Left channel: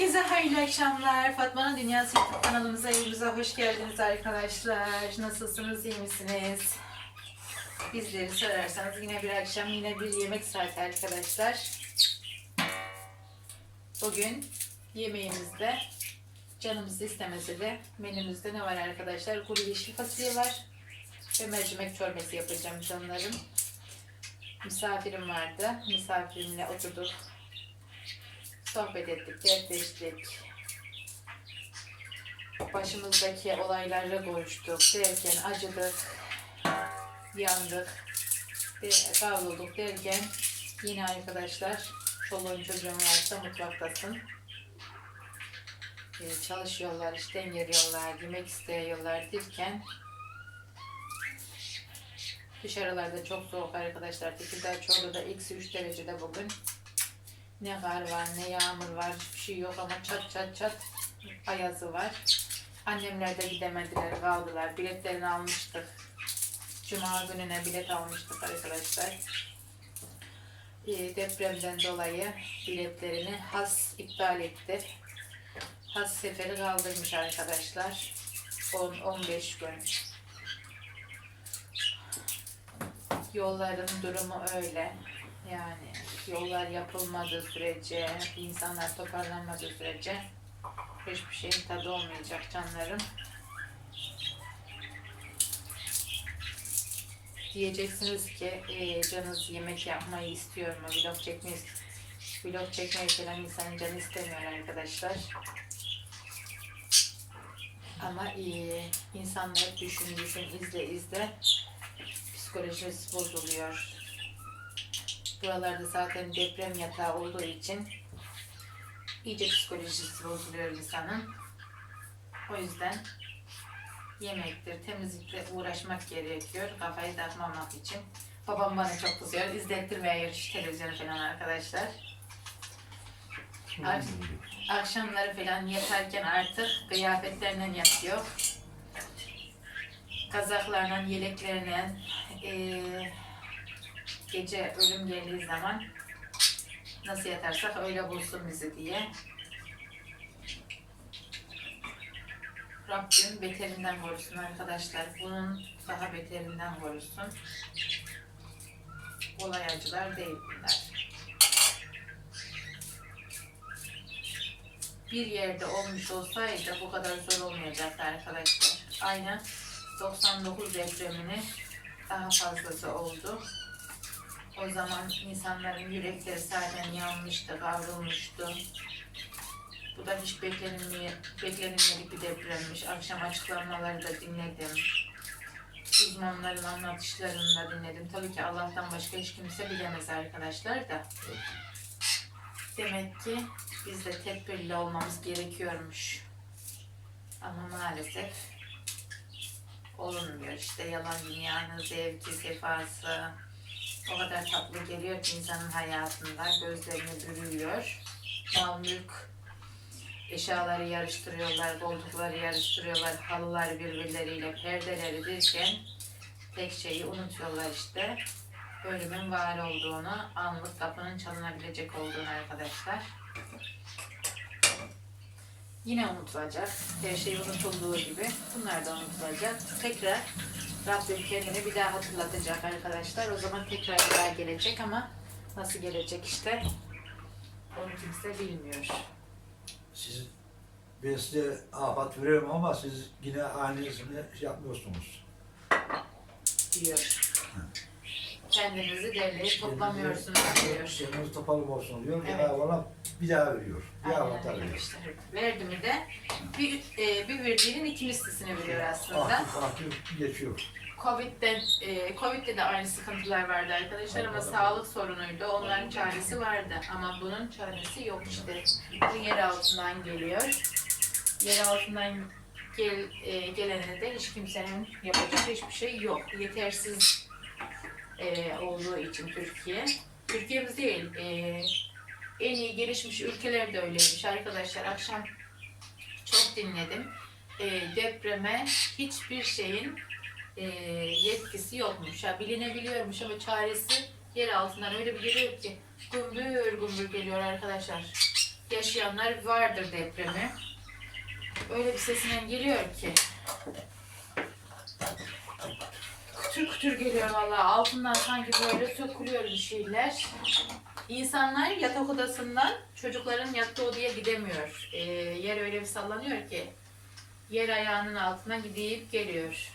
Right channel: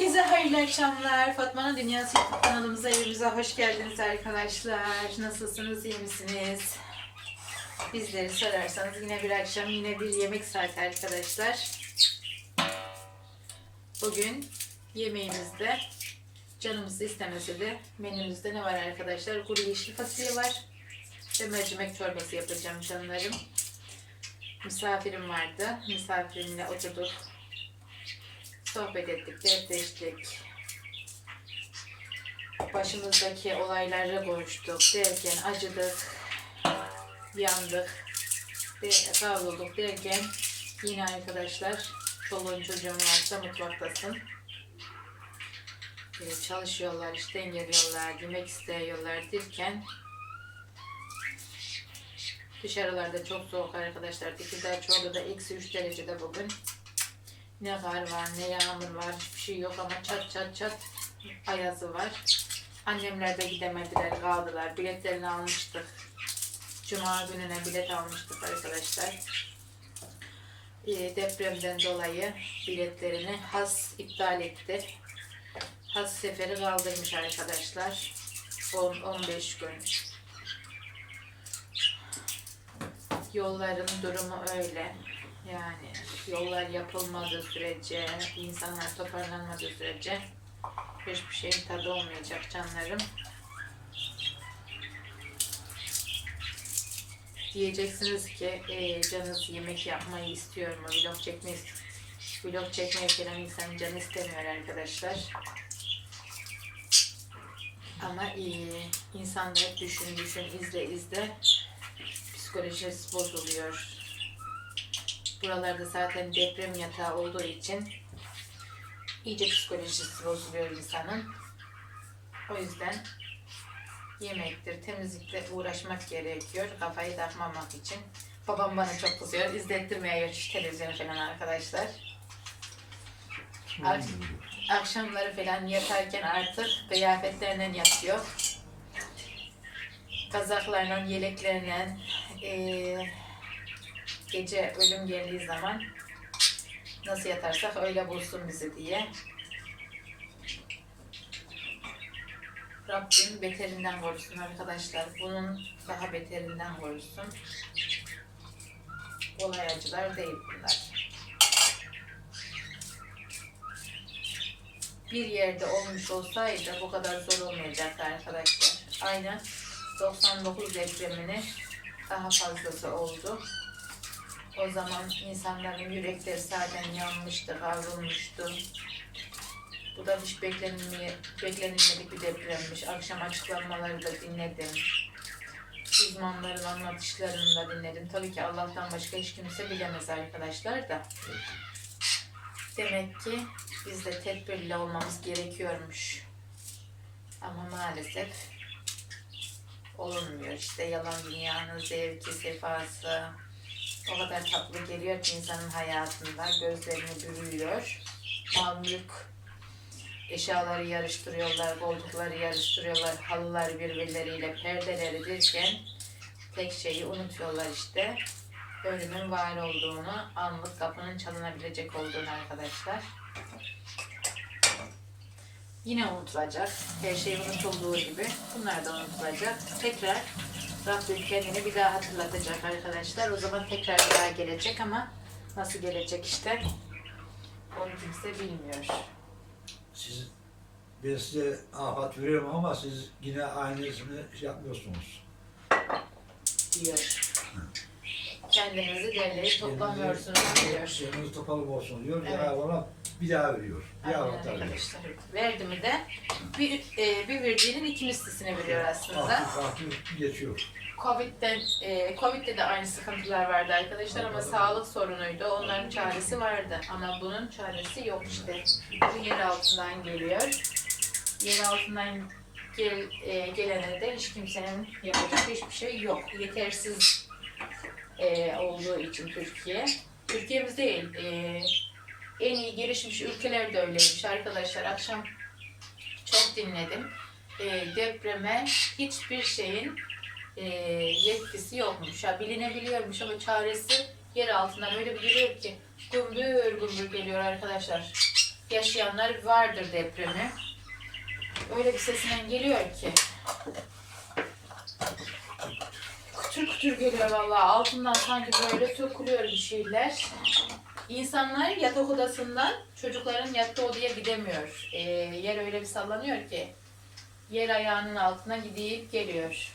Herkese hayırlı akşamlar. Fatma'nın Dünyası YouTube kanalımıza, evimize hoş geldiniz arkadaşlar. Nasılsınız, iyi misiniz? Bizleri sorarsanız yine bir akşam, yine bir yemek saati arkadaşlar. Bugün yemeğimizde canımız istemese de menümüzde ne var arkadaşlar? Kuru yeşil fasulye var ve mercimek çorbası yapacağım canlarım. Misafirim vardı. Misafirimle oturduk. Sohbet ettik, dertleştik. Başımızdaki olaylara konuştuk derken acıdık, yandık, kavrulduk derken yine arkadaşlar çoluğun çocuğun varsa mutfaktasın. Ee, Çalışıyorlar, işten geliyorlar, yemek istiyorlar derken dışarılarda çok soğuk arkadaşlar. Tekirdağ Çorlu'da eksi 3 derecede bugün. Ne kar var, ne yağmur var, hiçbir şey yok ama çat çat çat ayazı var. Annemler de gidemediler, kaldılar. Biletlerini almıştık. Cuma gününe bilet almıştık arkadaşlar. Ee, depremden dolayı biletlerini has iptal etti. Has seferi kaldırmış arkadaşlar. 10-15 gün. Yolların durumu öyle. Yani yollar yapılmadığı sürece, insanlar toparlanmadığı sürece hiçbir şeyin tadı olmayacak canlarım. Diyeceksiniz ki "Ee, canınız yemek yapmayı istiyor mu? Vlog çekmeyi, vlog çekmeyi falan insan canı istemiyor arkadaşlar. Ama iyi. İnsanlar düşün düşün izle izle psikolojisi bozuluyor. Buralarda zaten deprem yatağı olduğu için iyice psikolojisi bozuluyor insanın. O yüzden yemektir, temizlikle uğraşmak gerekiyor. Kafayı takmamak için. Babam bana çok kızıyor. İzlettirmeye şu televizyonu falan arkadaşlar. Ak- akşamları falan yatarken artık kıyafetlerinden yatıyor. Kazaklarla, yeleklerle, eee gece ölüm geldiği zaman nasıl yatarsak öyle bulsun bizi diye. Rabbim beterinden korusun arkadaşlar. Bunun daha beterinden korusun. Olay acılar değil bunlar. Bir yerde olmuş olsaydı bu kadar zor olmayacaktı arkadaşlar. Aynen 99 depremini daha fazlası oldu. O zaman insanların yürekleri zaten yanmıştı, kavrulmuştu. Bu da hiç beklenilmeyen, beklenilmedik bir depremmiş. Akşam açıklamaları da dinledim. Uzmanların anlatışlarını da dinledim. Tabii ki Allah'tan başka hiç kimse bilemez arkadaşlar da. Demek ki biz de tedbirli olmamız gerekiyormuş. Ama maalesef olmuyor. İşte yalan dünyanın zevki, sefası, o kadar tatlı geliyor ki insanın hayatında gözlerini bürüyor. Mal mülk eşyaları yarıştırıyorlar, koltukları yarıştırıyorlar, halılar birbirleriyle perdeleri derken tek şeyi unutuyorlar işte. Ölümün var olduğunu, anlık kapının çalınabilecek olduğunu arkadaşlar. Yine unutulacak. Her şey unutulduğu gibi bunlar da unutulacak. Tekrar Rabbim kendini bir daha hatırlatacak arkadaşlar. O zaman tekrar bir daha gelecek ama nasıl gelecek işte onu kimse bilmiyor. Siz ben size afat veririm ama siz yine aynısını şey yapmıyorsunuz. diyor. Kendinizi derleyip toplamıyorsunuz diyor. Şeyiniz toparlık olsun diyor. Evet. Allah bir daha veriyor. Bir Aynen veriyor. arkadaşlar. Verdi mi de bir, e, bir verdiğinin iki mislisini veriyor aslında. Aktif aktif geçiyor. Covid'den, e, Covid'de de aynı sıkıntılar vardı arkadaşlar ama sağlık sorunuydu. Onların çaresi vardı ama bunun çaresi yok işte. Bu yer altından geliyor. Yer altından gel, e, gelene de hiç kimsenin yapacak hiçbir şey yok. Yetersiz e, olduğu için Türkiye. Türkiye'miz değil, e, en iyi gelişmiş ülkeler de öyleymiş arkadaşlar. Akşam çok dinledim. E, depreme hiçbir şeyin e, yetkisi yokmuş. Ya bilinebiliyormuş ama çaresi yer altından öyle bir geliyor ki gümbür gümbür geliyor arkadaşlar. yaşayanlar vardır depremi. Öyle bir sesinden geliyor ki. Kütür kütür geliyor vallahi altından sanki böyle sökülüyor bir şeyler. İnsanlar yatak odasından çocukların yattığı odaya gidemiyor. Ee, yer öyle bir sallanıyor ki yer ayağının altına gidip geliyor.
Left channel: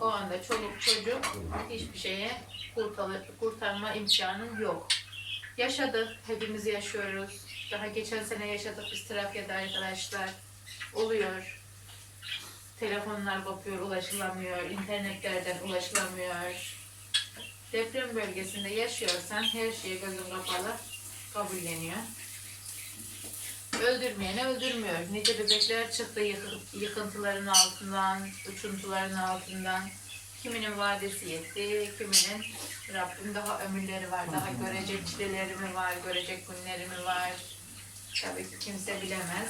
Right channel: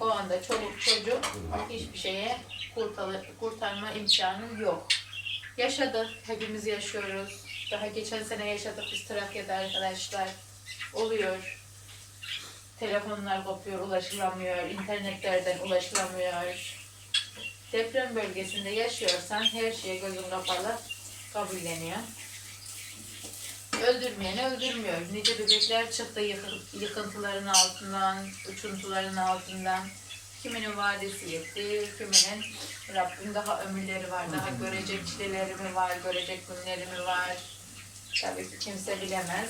O anda çoluk çocuk hiçbir şeye kurtarı- kurtarma imkanı yok. Yaşadık, hepimiz yaşıyoruz. Daha geçen sene yaşadık biz Trakya'da arkadaşlar. Oluyor. Telefonlar kopuyor, ulaşılamıyor, internetlerden ulaşılamıyor. Deprem bölgesinde yaşıyorsan her şey gözün kapalı kabulleniyor. Öldürmeyeni öldürmüyor. Nice bebekler çıktı yıkı- yıkıntıların altından, uçuntuların altından. Kiminin vadesi yetti, kiminin Rabbim daha ömürleri var, daha görecek çileleri mi var, görecek günleri mi var? Tabii ki kimse bilemez.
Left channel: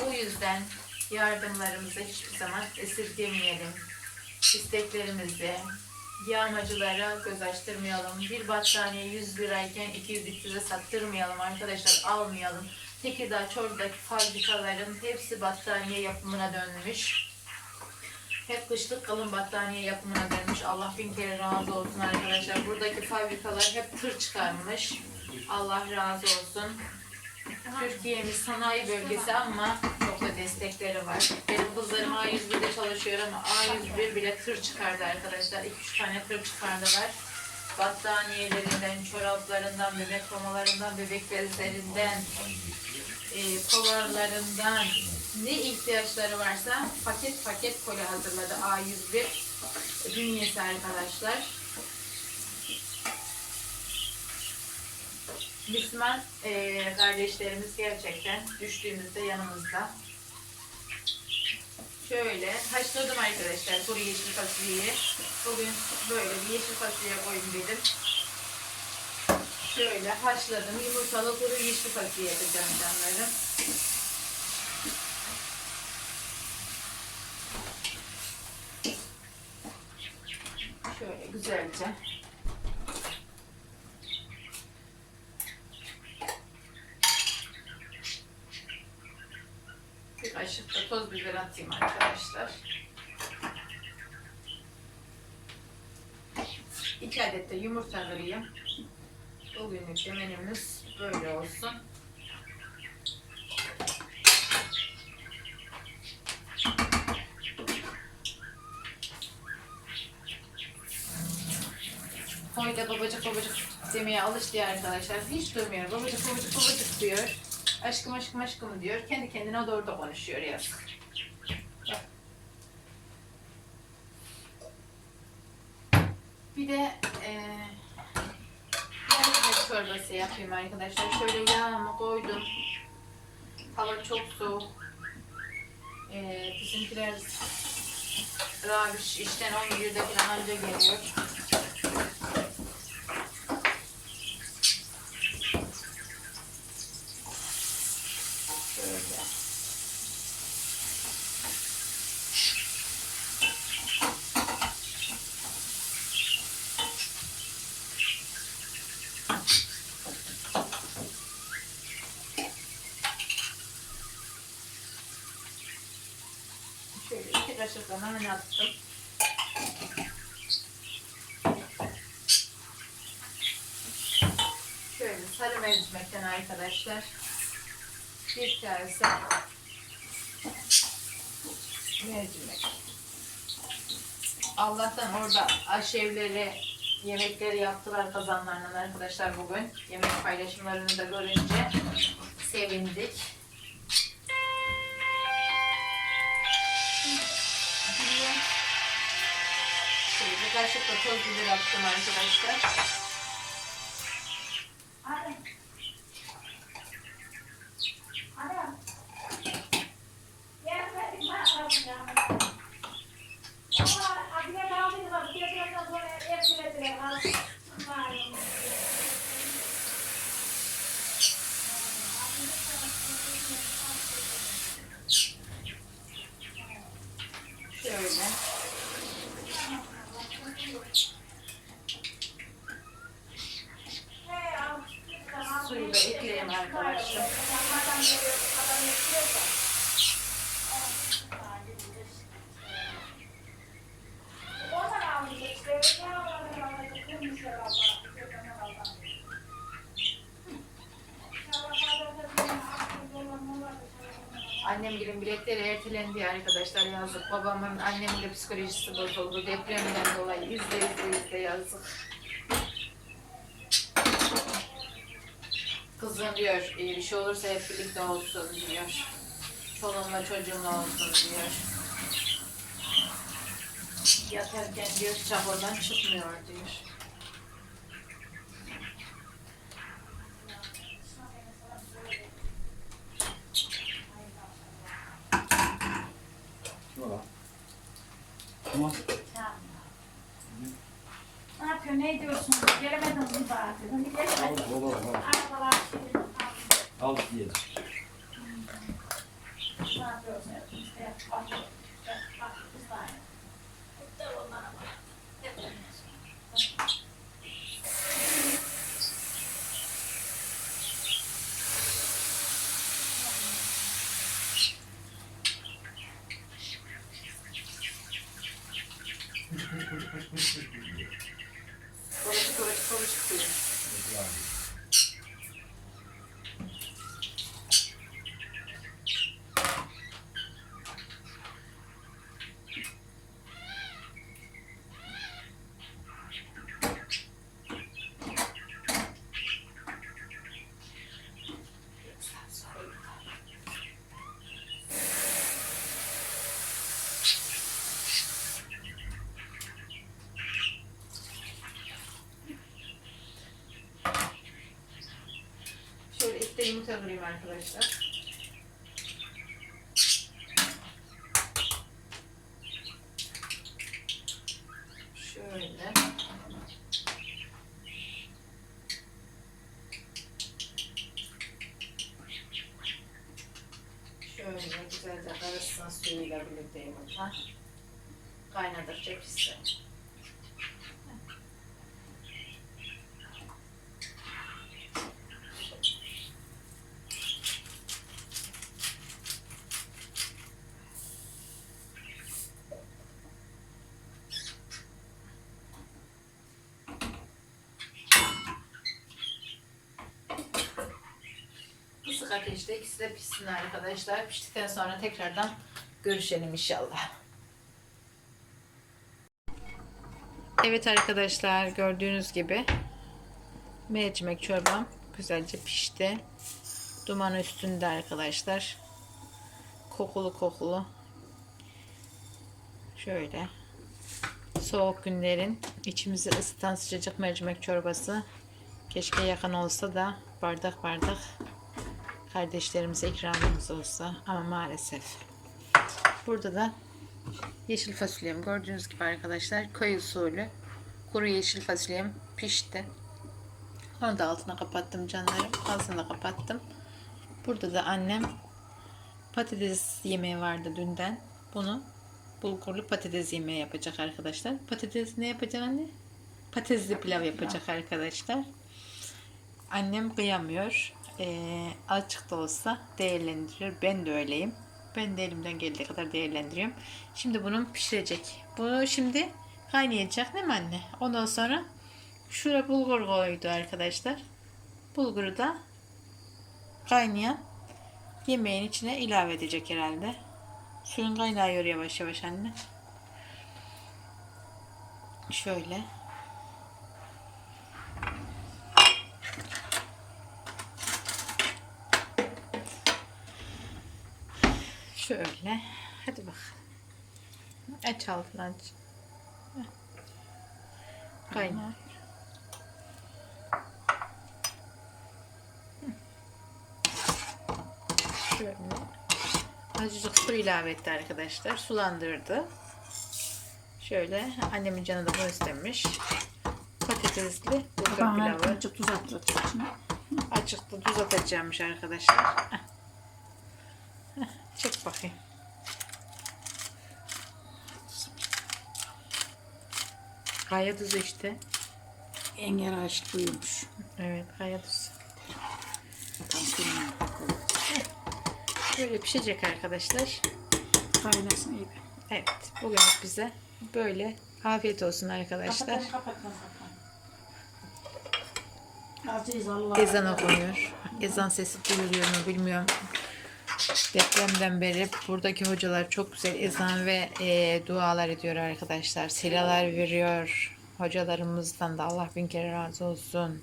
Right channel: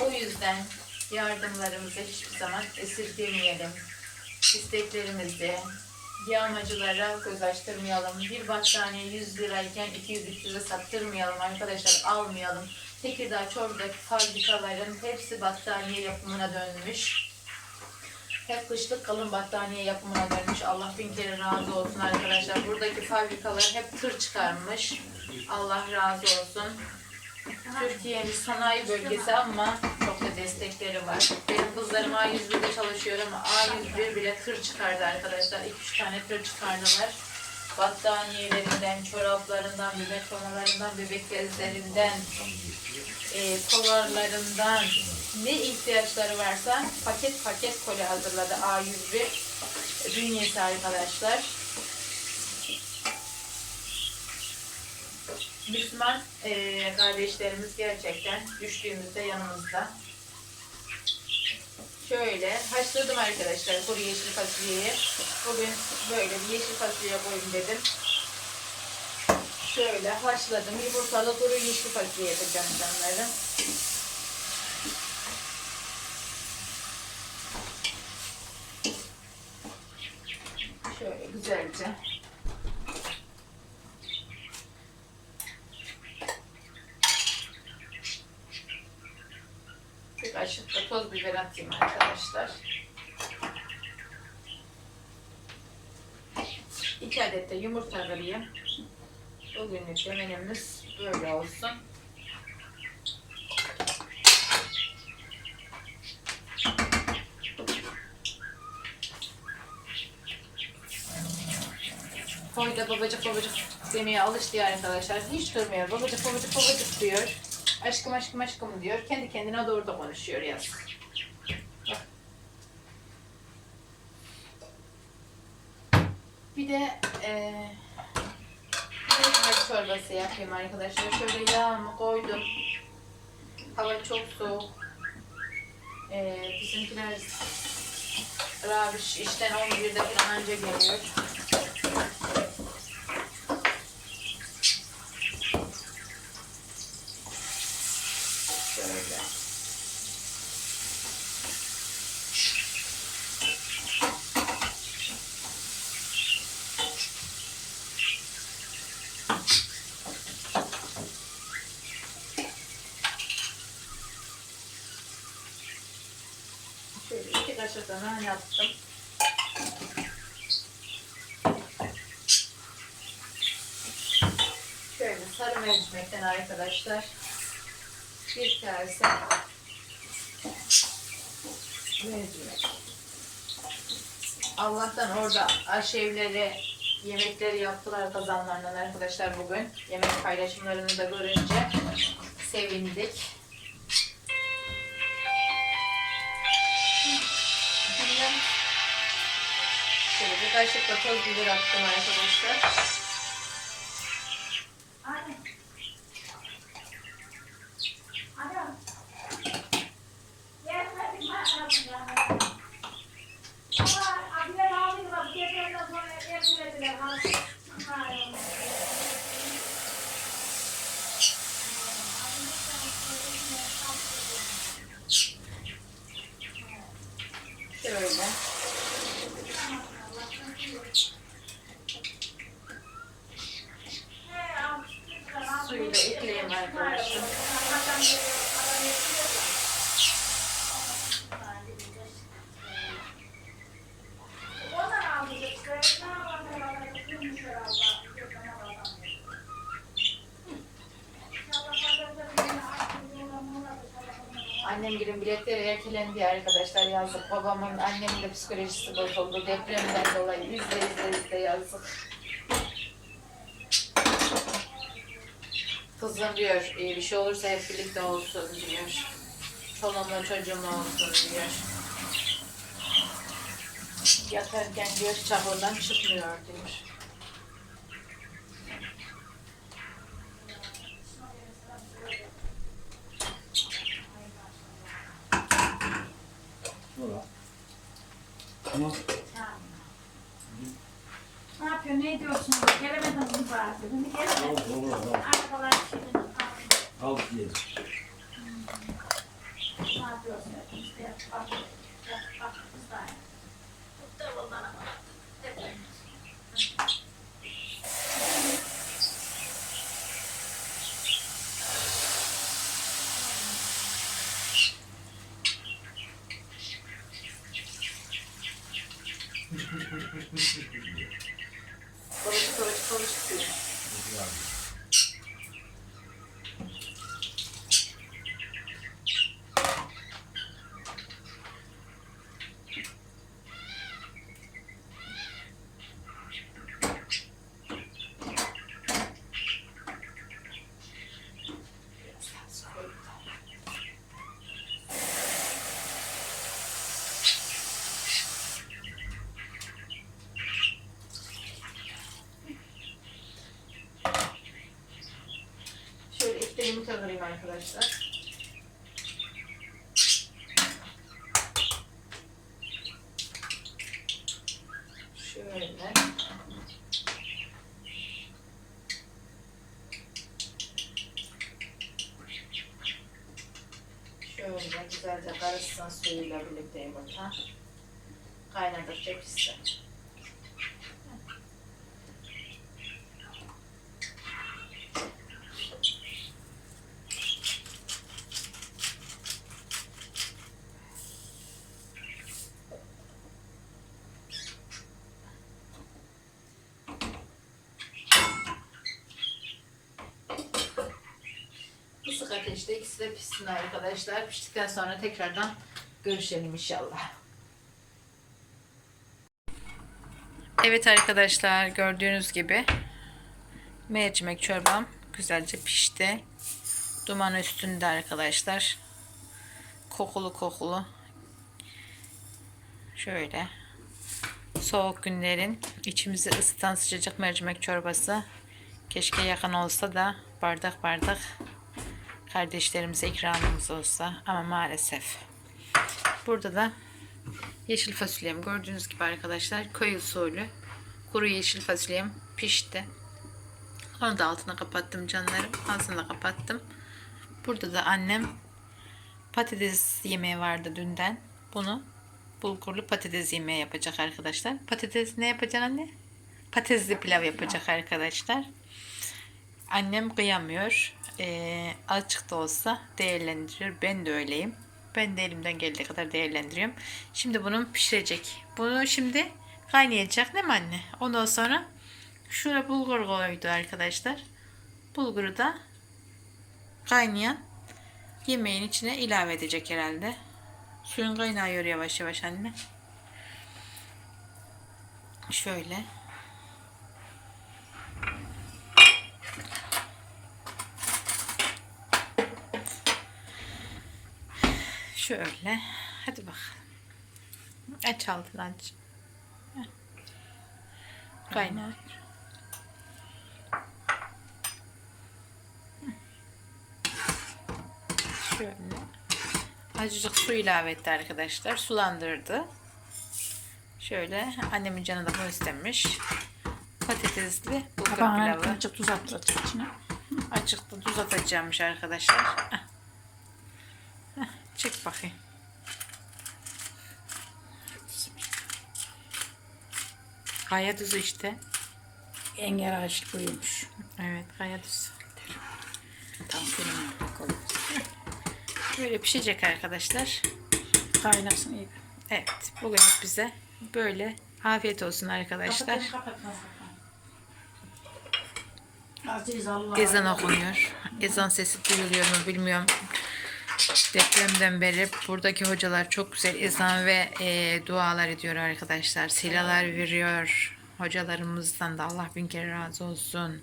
O yüzden yardımlarımızı hiçbir zaman esirgemeyelim. İsteklerimizi yağmacılara göz açtırmayalım. Bir battaniye 100 lirayken 200-300'e sattırmayalım arkadaşlar, almayalım. Tekirdağ, Çorlu'daki fabrikaların hepsi battaniye yapımına dönmüş. Hep kışlık kalın battaniye yapımına dönmüş. Allah bin kere razı olsun arkadaşlar. Buradaki fabrikalar hep tır çıkarmış. Allah razı olsun. Türkiye'miz sanayi bölgesi ama da destekleri var. Benim kızlarım A101'de çalışıyor ama A101 bile tır çıkardı arkadaşlar. 2-3 tane tır çıkardılar. Battaniyelerinden, çoraplarından, bebek mamalarından, bebek bezlerinden, e, polarlarından ne ihtiyaçları varsa paket paket koli hazırladı A101 bünyesi arkadaşlar. Müslüman e, kardeşlerimiz gerçekten düştüğümüzde yanımızda. Şöyle haşladım arkadaşlar kuru yeşil fasulyeyi. Bugün böyle bir yeşil fasulye koyayım dedim. Şöyle haşladım. Yumurtalı kuru yeşil fasulye yapacağım canlarım. Şöyle güzelce. Kaşık da toz biber atayım arkadaşlar. İki adet de yumurta kırayım. Bugünlük de menümüz böyle olsun. Koy da babacık babacık demeye alıştı arkadaşlar. Hiç durmuyor. Babacık babacık babacık diyor. Aşkım aşkım aşkım diyor. Kendi kendine doğru da konuşuyor yazık. Bir de eee mercimek çorbası yapayım arkadaşlar. Şöyle yağımı koydum. Hava çok soğuk. Eee bizimkiler Rabiş işten 11'de falan anca geliyor. Şöyle. Şöyle iki kaşık da nane attım. Şöyle sarı mercimekten arkadaşlar. Bir kase mercimek. Allah'tan orada aşevleri yemekleri yaptılar kazanlarından arkadaşlar bugün. Yemek paylaşımlarını da görünce sevindik. Da toz biber attım arkadaşlar. Şöyle. suyu da ekleyeyim arkadaşlar. Annem gibi biletleri ertelendi arkadaşlar yazdık. Babamın annemin de psikolojisi bozuldu. Depremden dolayı izle izle izle yazdık. Kızım diyor "e, bir şey olursa hep birlikte olsun diyor. Çoluğumla çocuğumla olsun diyor. Yatarken diyor çahurdan çıkmıyor diyor. Ne yapıyor, ne ediyorsun? Gelemedim bu saate. Şimdi gelemedim. Arabalar şimdi Al diyelim. ne yapıyorsun? İşte yap, bak, yap, bak, bir saniye. Bu da ondan ama. Babacık babacık babacık diyor. Ekmeğimi kavurayım arkadaşlar. Şöyle. Şöyle güzelce karışsın suyuyla birlikte yumurta. Kaynadıkça pişsin. Kısık ateşte ikisi de pişsin arkadaşlar. Piştikten sonra tekrardan görüşelim inşallah. Evet arkadaşlar gördüğünüz gibi mercimek çorbam güzelce pişti. Duman üstünde arkadaşlar. Kokulu kokulu. Şöyle. Soğuk günlerin içimizi ısıtan sıcacık mercimek çorbası. Keşke yakın olsa da bardak bardak kardeşlerimize ikramımız olsa ama maalesef. Burada da yeşil fasulyem gördüğünüz gibi arkadaşlar köy usulü kuru yeşil fasulyem pişti. Onu da altına kapattım canlarım. Ağzını da kapattım. Burada da annem patates yemeği vardı dünden. Bunu bulgurlu patates yemeği yapacak arkadaşlar. Patates ne yapacak anne? Patatesli pilav yapacak arkadaşlar. Annem kıyamıyor. Ee, açık da olsa değerlendiriyor. Ben de öyleyim. Ben de elimden geldiği kadar değerlendiriyorum. Şimdi bunu pişirecek. Bunu şimdi kaynayacak değil mi anne? Ondan sonra şuraya bulgur koydu arkadaşlar. Bulguru da kaynayan yemeğin içine ilave edecek herhalde. Suyun kaynıyor yavaş yavaş anne. Şöyle. Şöyle. Hadi bakalım. Aç altını aç. Kaynar. Şöyle. Azıcık su ilave etti arkadaşlar. Sulandırdı. Şöyle annemin canı da bunu istemiş. Patatesli bulgur pilavı. Azıcık tuz atacak şimdi. Açıkta tuz atacakmış arkadaşlar. Çek bakayım. Kaya tuzu işte. Engel ağaç buymuş. Evet kaya tuzu. Böyle pişecek arkadaşlar. Kaynasın iyi. Evet bugün bize böyle afiyet olsun arkadaşlar. Ezan okunuyor. Ezan sesi duyuluyor mu bilmiyorum. Depremden beri buradaki hocalar çok güzel ezan ve e, dualar ediyor arkadaşlar. Silalar veriyor. Hocalarımızdan da Allah bin kere razı olsun.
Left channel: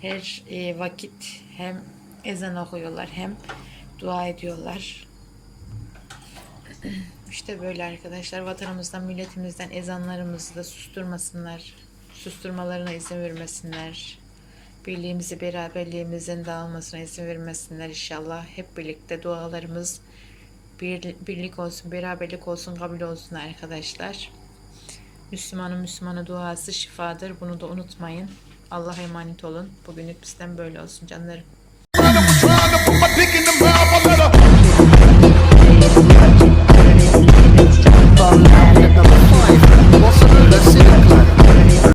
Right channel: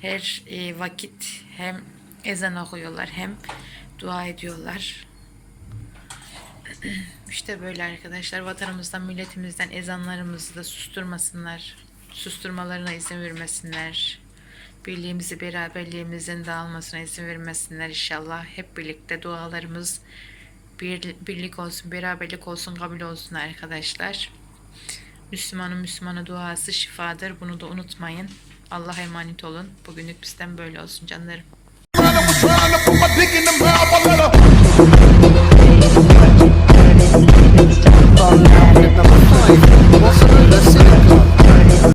Her e, vakit hem ezan okuyorlar hem dua ediyorlar. İşte böyle arkadaşlar vatanımızdan milletimizden ezanlarımızı da susturmasınlar. Susturmalarına izin vermesinler. Birliğimizi beraberliğimizin dağılmasına izin vermesinler inşallah. Hep birlikte dualarımız bir, birlik olsun, beraberlik olsun, kabul olsun arkadaşlar. Müslümanın Müslümana duası şifadır. Bunu da unutmayın. Allah'a emanet olun. Bugünlük bizden böyle olsun canlarım.